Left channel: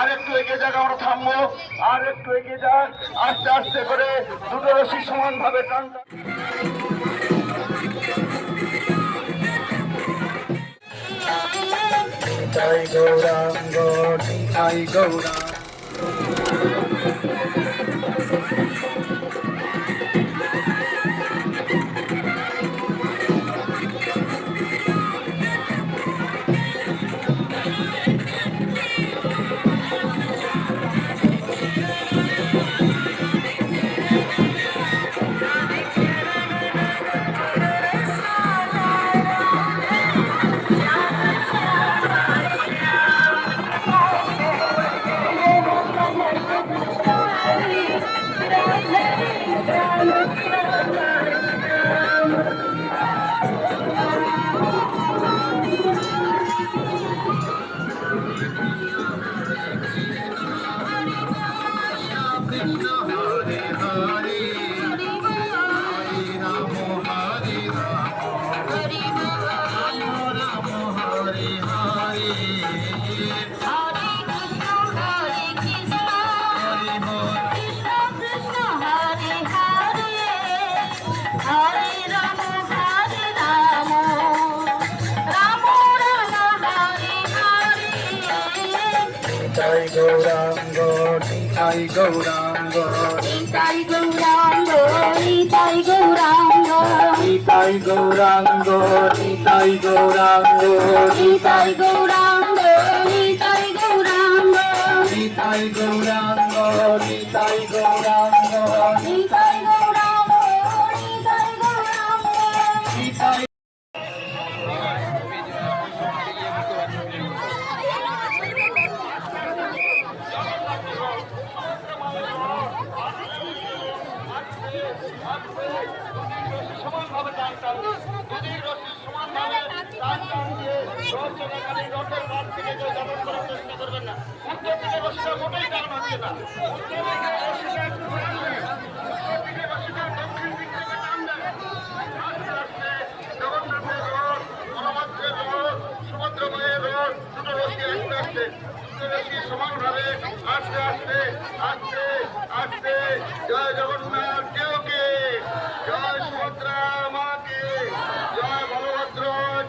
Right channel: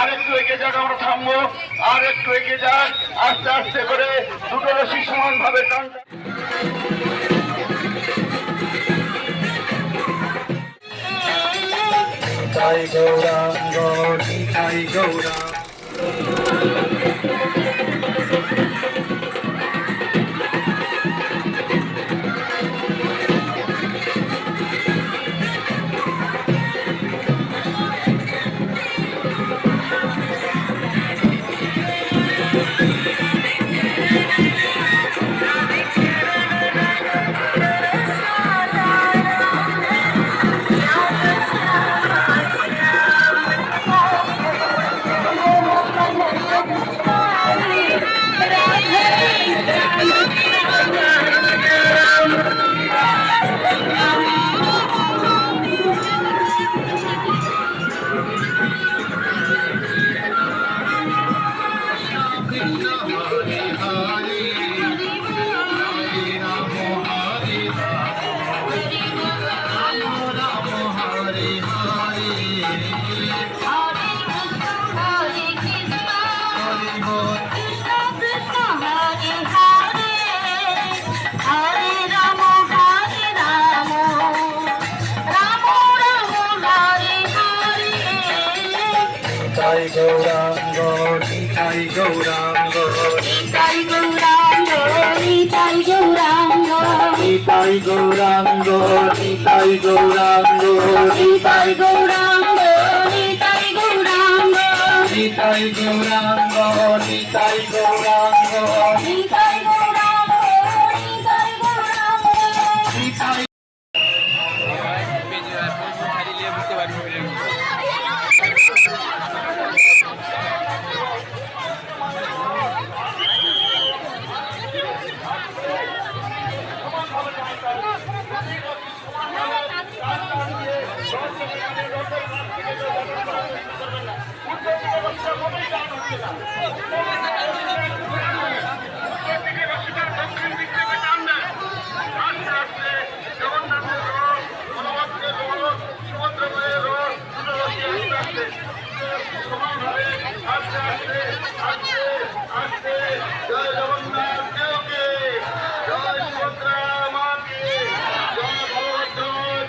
আর একটু এগিয়ে যাক, আমরা থামবো, আর একটু এগিয়ে যাক, আস্তে আস্তে করে দুটো রশি সমান ভাবে টান। জয় গৌরাঙ্গ জয় গৌরাঙ্গ। জয় গৌরাঙ্গ জয় গৌরাঙ্গ জয় গৌরাঙ্গ জয় গৌরাঙ্গ জয় গৌরাঙ্গ জয় গৌরাঙ্গ জয় গৌরাঙ্গ জয় গৌরাঙ্গ জয় গৌরাঙ্গ জয় গৌরাঙ্গ সমানভাবে আস্তে আস্তে আস্তে আস্তে জয় জগন্নাথ দেবকে, জয় সুভদ্রা মাকে, জয় বলভদ্র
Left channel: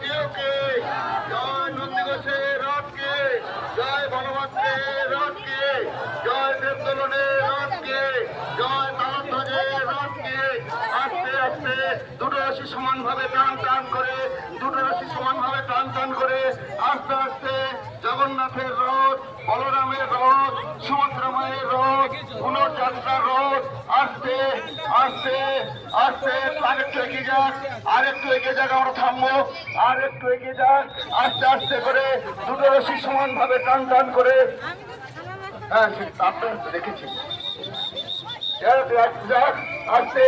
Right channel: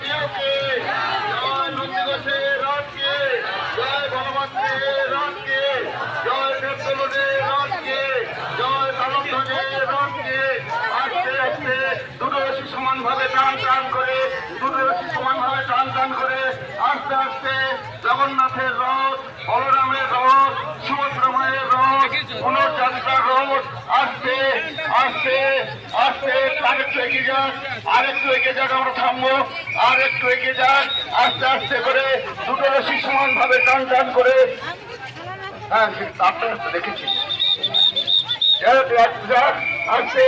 দেবকে, জয় নন্দিঘোষের রথকে, জয় বলভদ্রের রথকে, জয় দেবদলনের রথকে, জয় তালধ্বজের রথকে। আস্তে আস্তে দুটো রশি সমানভাবে টান টান করে, দুটো রশি সমানভাবে টান টান করে আস্তে আস্তে জগন্নাথের রথ, বলরামের রথ, সুভদ্রা মায়ের রথ, পুনর্যাত্রার রথ আস্তে আস্তে আস্তে আরেকটু এগিয়ে যাক, আর একটু এগিয়ে যাক, আমরা থামবো, আর একটু এগিয়ে যাক, আস্তে আস্তে করে দুটো রশি সমানভাবে টান টান করে। হ্যাঁ, আপনারা তো দেখেছি। আস্তে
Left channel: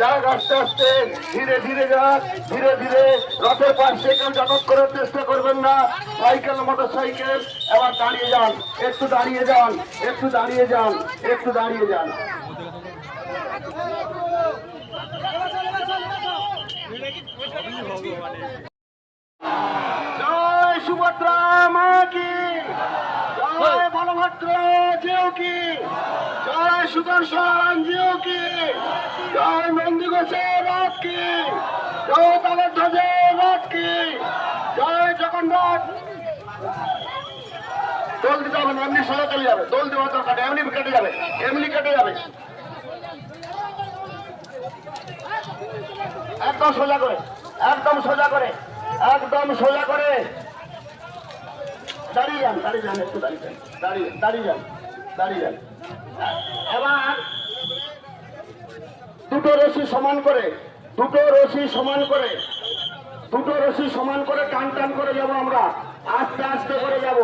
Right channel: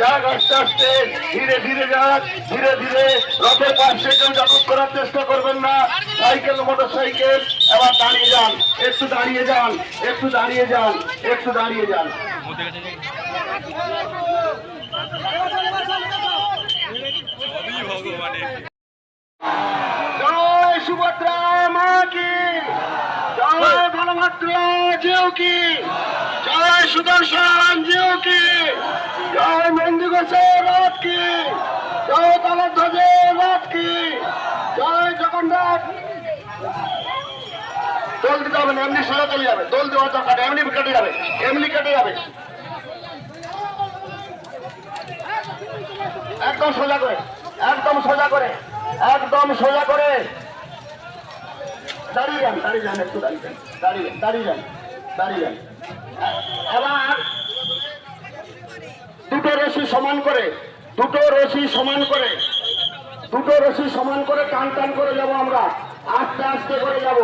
যাক, আস্তে আস্তে ধীরে ধীরে যাক, ধীরে ধীরে। রথের পাশে কেউ যাতায়াত করার চেষ্টা করবেন না। সাইকেল, মোটর সাইকেল এবার দাঁড়িয়ে যান, একটু দাঁড়িয়ে যান, একটু দাঁড়িয়ে যান, একটু দাঁড়িয়ে যান। জয় সুভদ্রা মা কি, জয় বলভদ্র জিউ কি, জয় সুদর্শন জিউ কি, জয় নন্দিঘোষের রথ কি, জয় তালধ্বজের রথ কি, জয় জগন্নাথ। দোল দিতে হবে না, এমনি সোজা চলে যাবে, দোল দেওয়ার দরকার, এমনি কেটে যাবে, এমনি কেটে যাবে। একদম সোজা করে, একদম সোজা করে, একদম সোজা করে দাঁড়িয়ে যান, দাঁড়িয়ে যান, একটু দাঁড়িয়ে যান, দাঁড়িয়ে দাঁড়িয়ে যান, দাঁড়িয়ে যান। এবার দুটো রশি সমান করে, দুটো রশি সমান করে, দুটো রশি সমান করে টান টান করে যাব আমরা, আস্তে আস্তে করে যাব।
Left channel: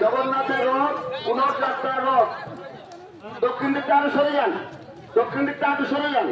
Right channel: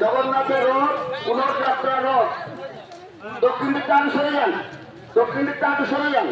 জগন্নাথের রথ, পুনর্যাত্রার রথ। দক্ষিণ দিকটা আরো সরে যান, দক্ষিণ দিকটা আরো সরে যান।